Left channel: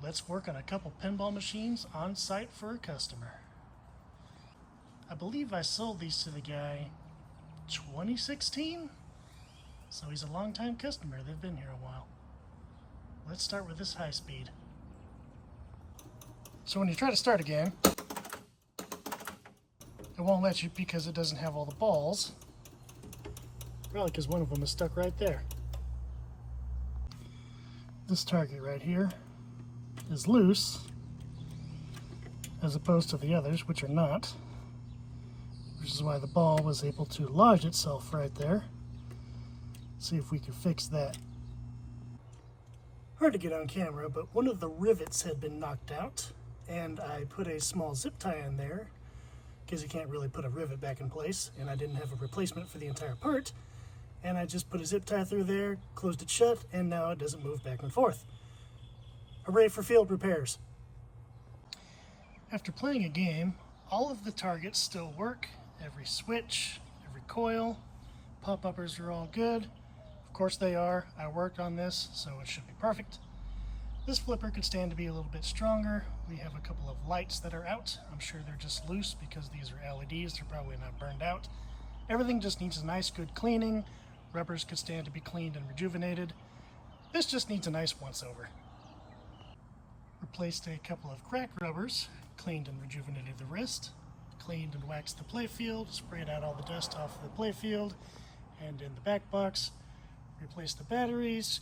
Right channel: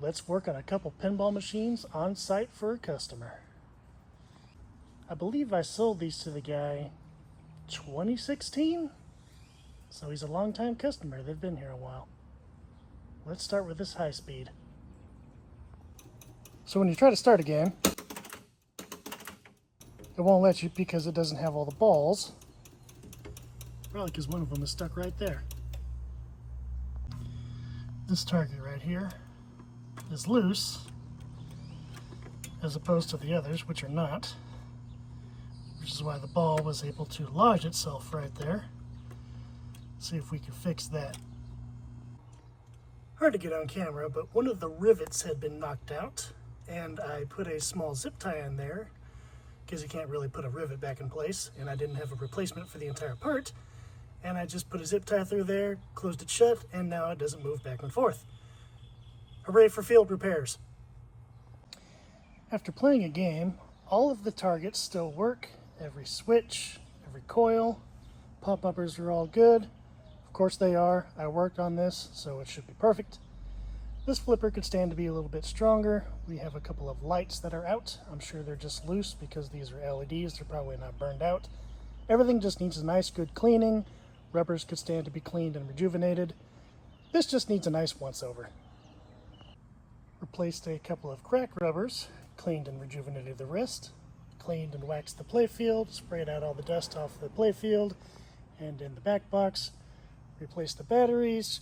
Let's work on a couple pinball machines on site for a customer. I believe I sold these to the guy 2016, so he's a long-time customer. They've been here a while. Let's start with this high speed. So when you try to start a game, it won't let you because it doesn't have all the balls. Probably because one of them is stuck right there. This target right here is loose, as opposed to the others, which are not, which is why the ball was able to lodge itself right there. See if we can fix that. Hard to get on camera, but one of the rivets had been knocked out, and I put a small zip tie in there because you can't really put a rivet back in place, and I didn't have a replacement for the entire part, and I just put a zip tie through there, closed it shut, and now it doesn't move back and forth. Hooray for field repairs. After playing a game, all of the targets still work. Every switch, every coil, pop-uppers are all good. Of course they are. I worked on this, so it should be perfect. This flipper could stand to be a little bit stronger. We have a couple of lights that are out. I'm sure they're just loose because these are LEDs. They're probably not burned out. Everything just needs a nice, good cleaning. Rubbers could stand to be cleaned and rejuvenated. This just needs a nice once-over. Replaced a couple of crack rubbers, cleaned and rejuvenated the rest, cleaned and waxed the playfield, sprayed out all the dust off the playfield and in the back box, replaced the batteries,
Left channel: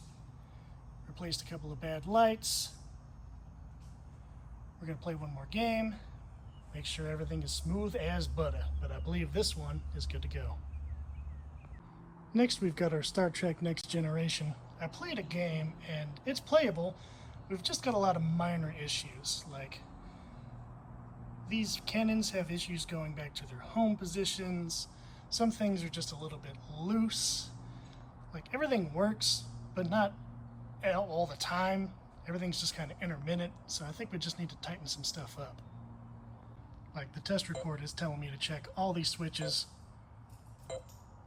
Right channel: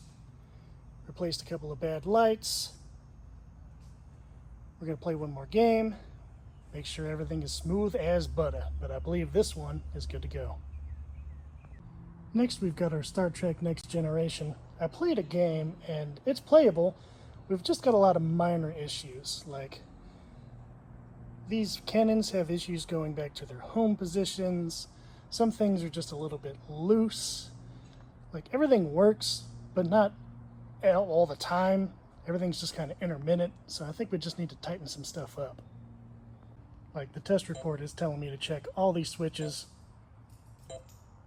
replaced a couple of bad lights. We're going to play one more game, make sure everything is smooth as butter, but I believe this one is good to go. Next we've got our Star Trek Next Generation. I played a game and it's playable. We've just got a lot of minor issues, like these cannons have issues going back to their home positions. Some things are just a little bit loose. Like everything works, but not all the time. Everything's just kind of intermittent, so I think we just need to tighten some stuff up. Like the test report is telling me to check all these switches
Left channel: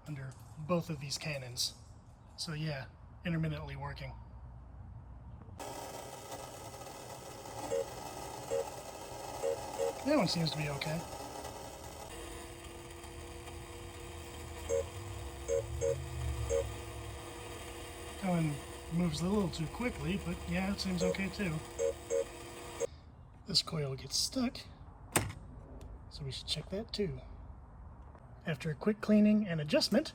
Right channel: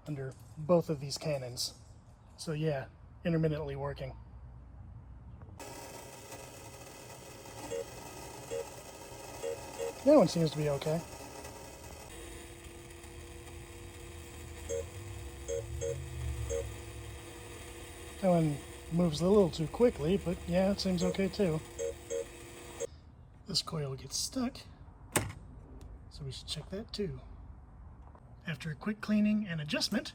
under both of these cannons. So yeah, intermittently working. That one seems to be okay. That one moves a little too quickly, but yeah, it seems okay too. This coil gets stuck, so we should check that too. After a quick cleaning and adjustment,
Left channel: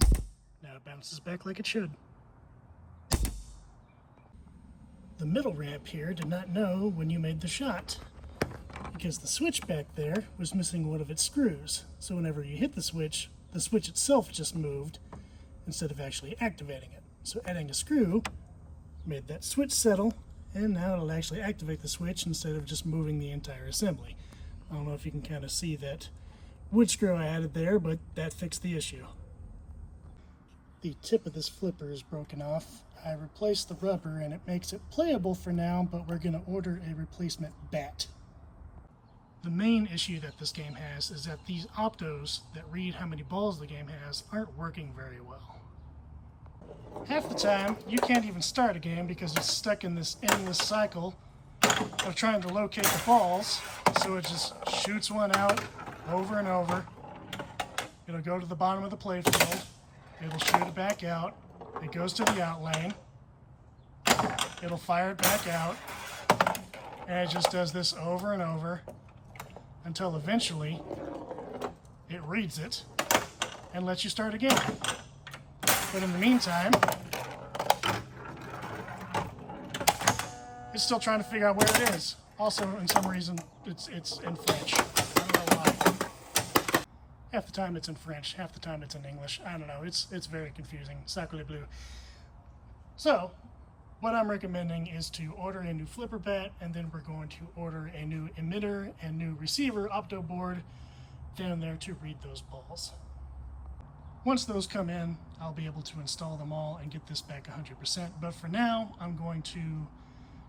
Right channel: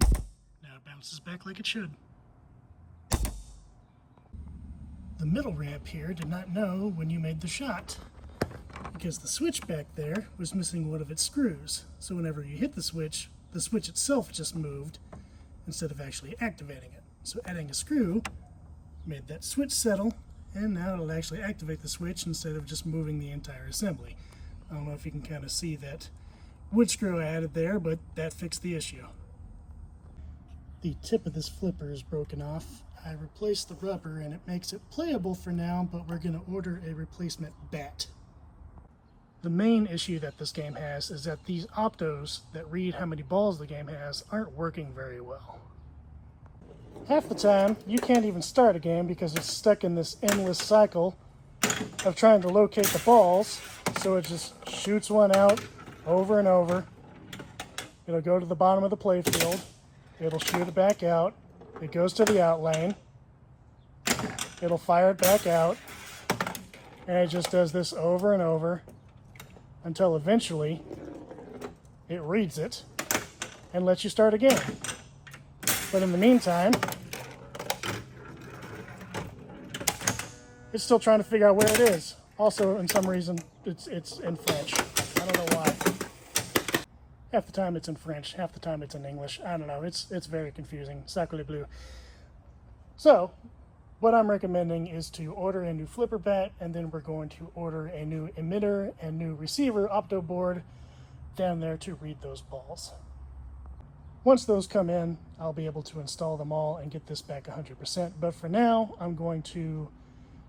now it bounces back like it should. The middle ramp here did not know when you made the shot because the switch back there was missing one of its screws. So whenever you hit the switch itself just moved instead of actually activating it. So adding a screw made that switch settle, and now it'll actually activate the switch instead of just moving the entire assembly. I don't know if you can kind of see that wood screw I added there, but that fixed the issue. The tip of this flipper is broken off. I replaced the rubber and it makes it playable for now, but we're going to order a replacement bat. The main issue that this game has is that these optos that read how many balls the game has aren't working very well. Half the time, you can't even start a game because it's stuck in this endless cycle of trying to locate the balls, so it just shoots one out over and over. It'll go to the bottom of the playfield, it'll shoot it back out, it goes to the out lane, it'll fire it back out, and it just does this over and over until eventually it reads it and lets you start again. But in the meantime, it's still trying to figure out where it is. Also, in some reason, it's in French. I don't know why. Half the time it's in French, half the time it's in English. I don't know, it's very confusing. Sacre bleu. So, what I'm recommending is to order a new flipper bat, and then we're going to order a new emitter and new receiver opto board down there to read those balls. Once those come in, I'll be able to install them all and get this back 100%. But for now, I'm going to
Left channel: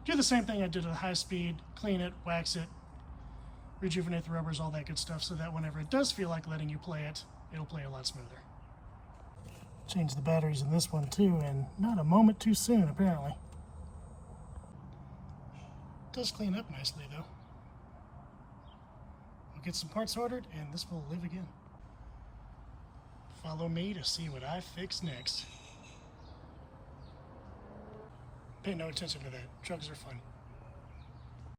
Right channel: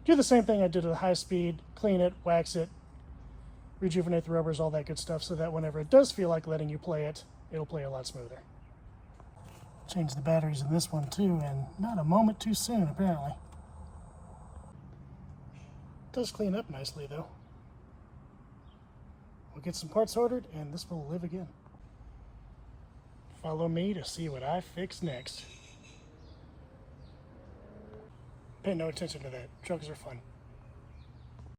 do the same thing I did at high speed, clean it, wax it, rejuvenate the rubbers, all that good stuff, so that whenever it does feel like letting you play it, it'll play a lot smoother. Change the batteries in this one too, and not a moment too soon, apparently. does clean up nicely though. We'll get some parts ordered and this will live again. Follow me to see what I fix next. Pay no attention to that. Drugs are fun.